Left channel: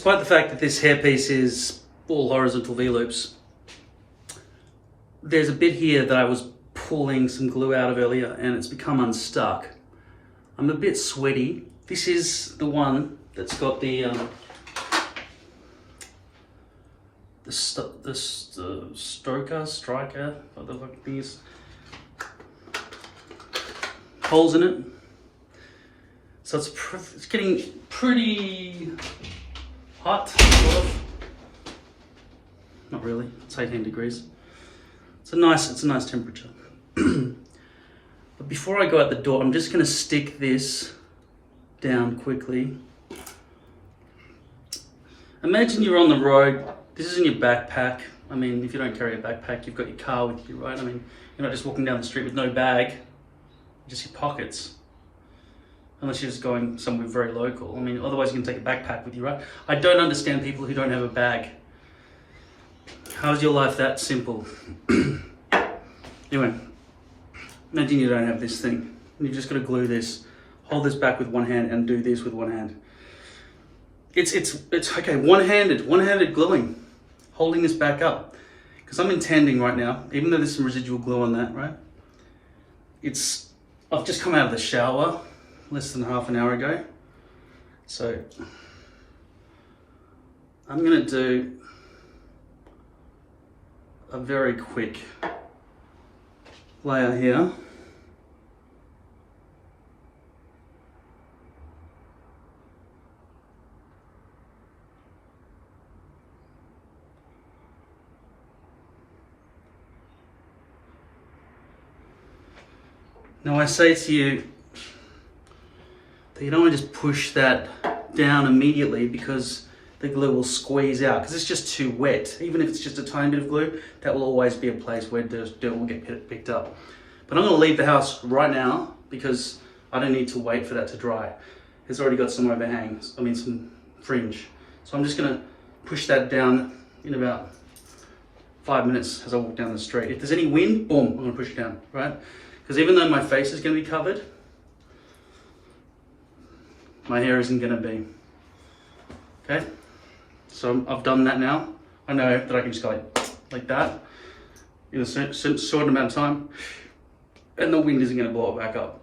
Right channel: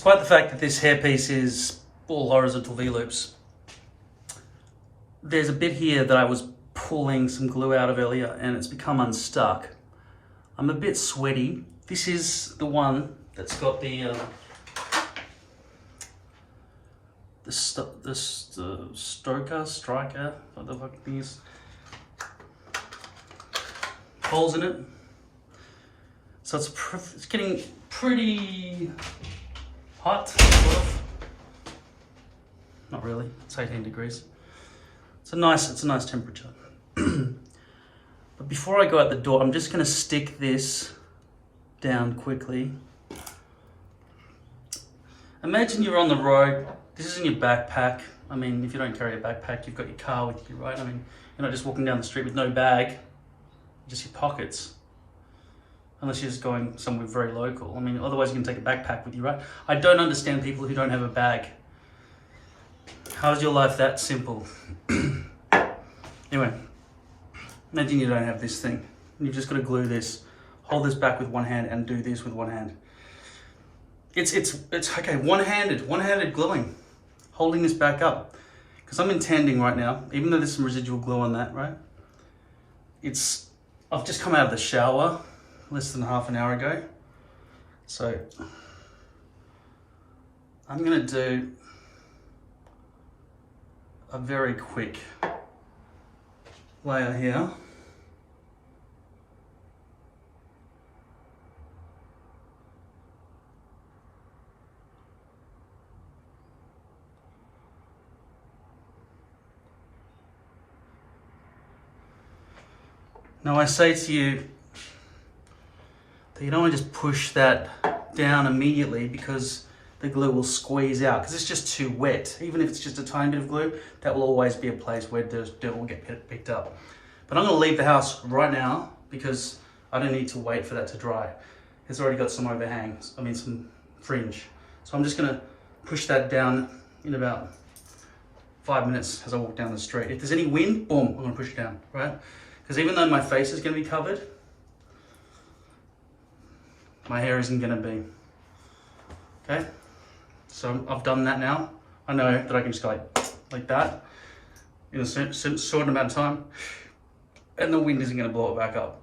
despite the fact that this hairpiece is all horizontal V-loops, there's a bit here that I was pulling some glue out of earlier and it's become unstuck. I'm a bit sweaty. This is the one that's got the striker, what the fuck thing is, holes in it. So it's getting pretty hot, sort of. Not really, it's 18 degrees. It's a nice temperature. But before I go out the door, I'm just gonna stick this down quickly. Imagine you're on the road. This is in your backpack. I mean, if you don't carry a backpack, you've got your car with you, right? I mean, you're not just walking down the street with no bag, just your pockets. Unless you're just going somewhere very local. I mean, otherwise you can take a backpack with you, right? I don't understand people who don't have a bag. How's your life that simple? Anyway, imagine you don't have this thing. You've just got to glue this, hold this back with one hand and do this with one hand. It's okay, one-handed gluing, holding this back up. Because I'm intending right now, even though there's some residual glue on that, right? I've just come out of the shower less than half an hour ago. So I'm gonna do a very quick layer here. Now I say to you that you don't want to just push that down immediately because the glue will squeeze out because it's just too wet. Even if it's just a tiny bit of glue, that will always be a place where dirt will get picked up. But I'm going to leave the house right now because I don't need to wait for that to dry. It's already got some overhangs, some fringe. So I'm just going to push that down in about 5 minutes as I walk down the street. If there's any wind, boom, I'm going to push it down, right? Because even though my face is going to be covered, my hair isn't going to be. Okay? So I've done that now. I know that I can just go like that in a certain amount of time, and the wind isn't going to blow it back up.